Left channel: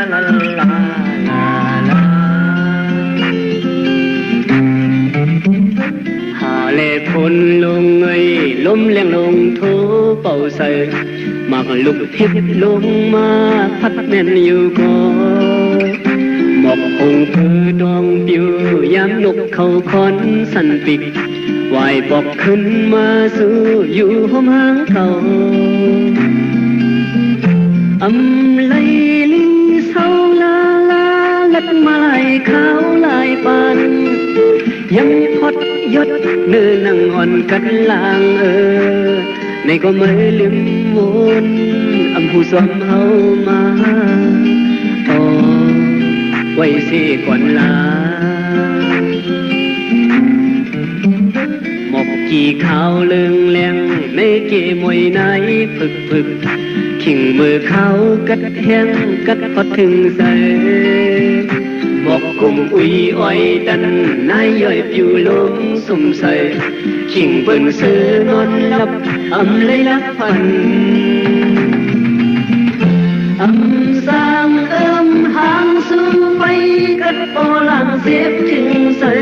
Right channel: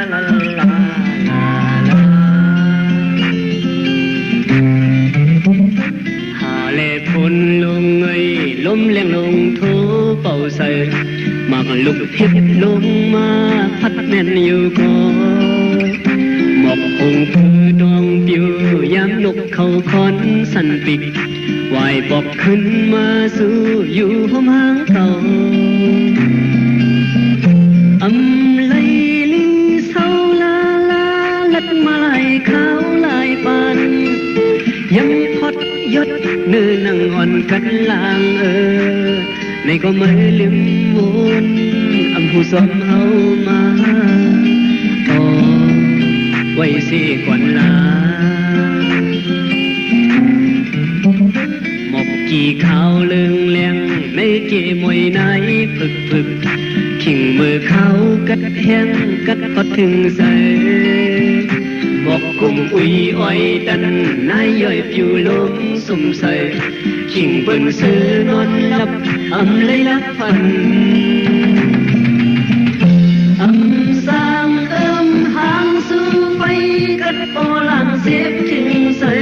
la la la la Hà lệ phun lông ấy lốm leng lông thố bầu sợi mặc lục thiết lông ma phát men yêu có một hồng thư đong piu nhám nục khâu khón săn bịch hoài bọcขึ้นมาสู่อยู่ห้องหางเขาอำไลลิงเศร้าลาลาลัดมาลายขาวลายปานยังพอดยศเนื้อนังอ่อนกันลางในก็ไม่ลืมวนอำหูซ้อมเฮามาต่อไว้สิก่อนลาหมกกี่ขาวเลืองแรงในเกมวยไหนฝึกขิงมือเขากัดแห้งกัดพอถึงใส่บอกกุมอุยอ้อยดันนายย่อยผิวลงสุ่มใส่ขิงเบิ่งซื้อนอนหลับอำเลยลับฝันอำสร้างหางสู้ไปกัดปอหลังเสียถึงใส่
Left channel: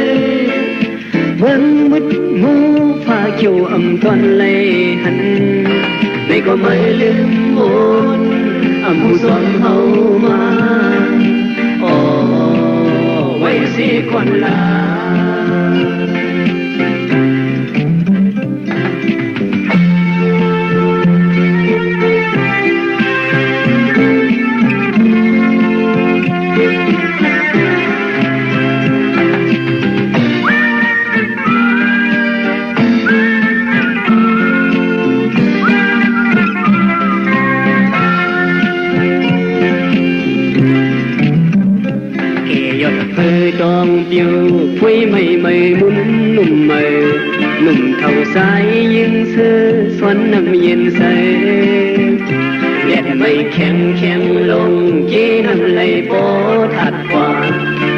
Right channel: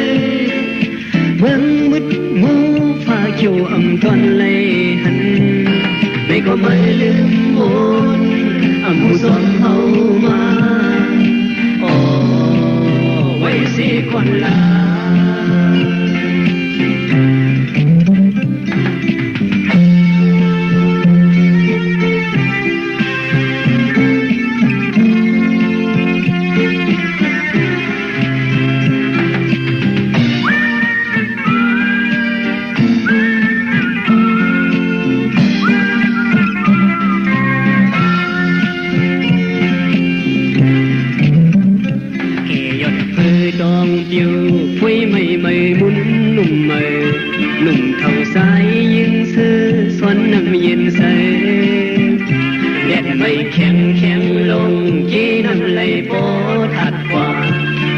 เบิ่งมุดมูฟ้าเขียวอำตอนเลยหันในก็ไม่ลืมวนอำหูซ้อมเฮามาไว้สิก่อนลาดองเปียวคุยไม่มุนหนุ่มใหม่หนุ่มเท่าสายยินเสื้อสวนน้ำเย็นใสแดดไม่แข็งลงเย็นน้ำไหลปอถัดกว่า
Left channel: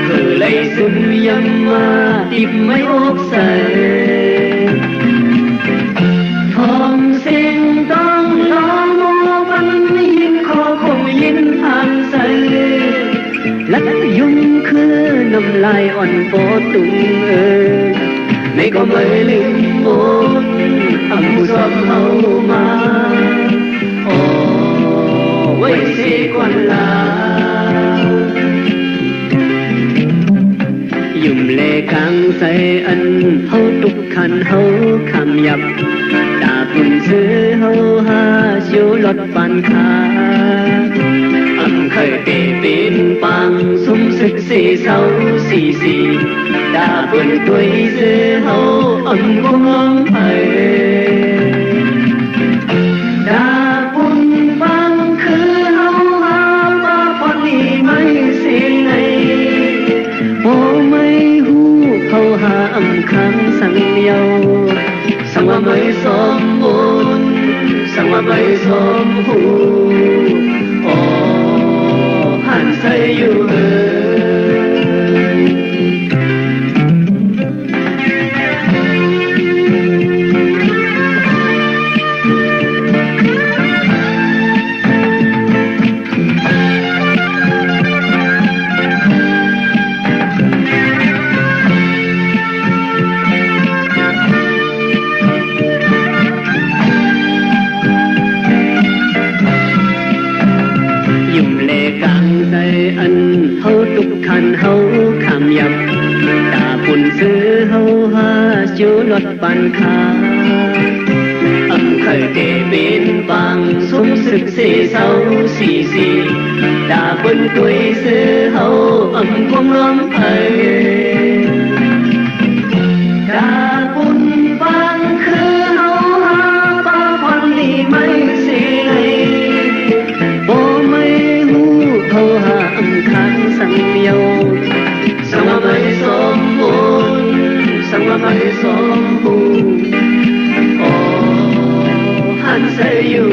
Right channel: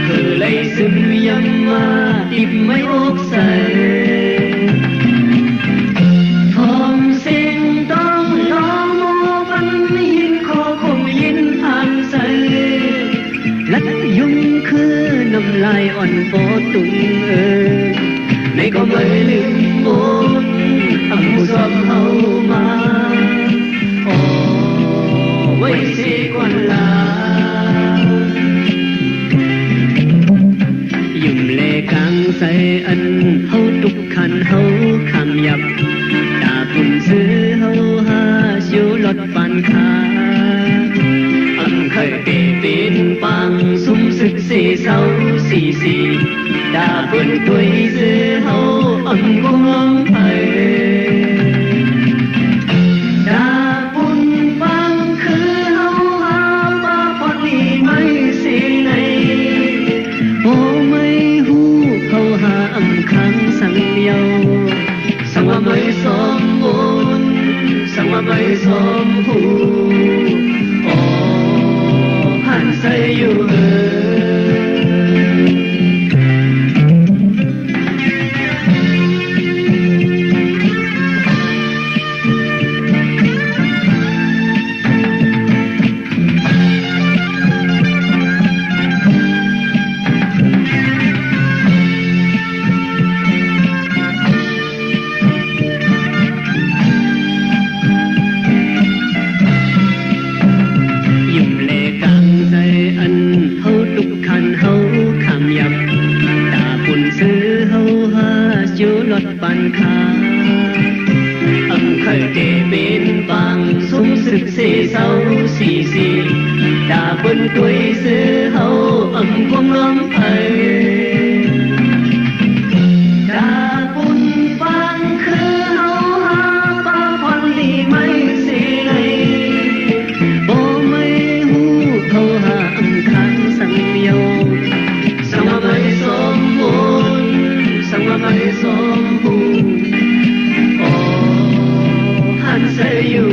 คือไหลซึมยำมาดิบไม่อกใสทองเสียงต้องร้องโมบันยินคอคงยินทางใสลัดยุ่งคือน้ำลายอ่อนปอตุงในก็ไม่ลืมมนอำหูซ้อมเฮามาไว้สิก่อนลายุ่มเลกังใส่อันเฮาตุกขันเฮาคำยับดาปุ่นซื้อเฮาหาชิวลดปันขาเคยเป็นปังสุ่มศึกสีเศร้าสีดาเปินตัวซื้อเฮาอันกงล้มไปดาปุ่นปังคือเฮาหาปาปอนี่ไม่สิไหนโอ้ไม่หูเฮาหาอันคังสังเยาสังว่าไม่สมบูรณ์สังว่าไม่สมบูรณ์หันใส่อยู่อันเฮาตุกขันเฮาคำยับตาปุ่นซื้อเฮาหาชิวลดปันขาอำเคยเกเป็นบางสมศึกสีเศร้าสีดาปุ่นตัวซื้อเฮาอำความล้มไปดาปุ่นบางคือเฮาหาปาพอนดีไม่สิเลยบ่ไม่หูเฮาหาสังเยาสังว่าไม่สมบูรณ์สังว่าไม่สมบูรณ์หันใจอยู่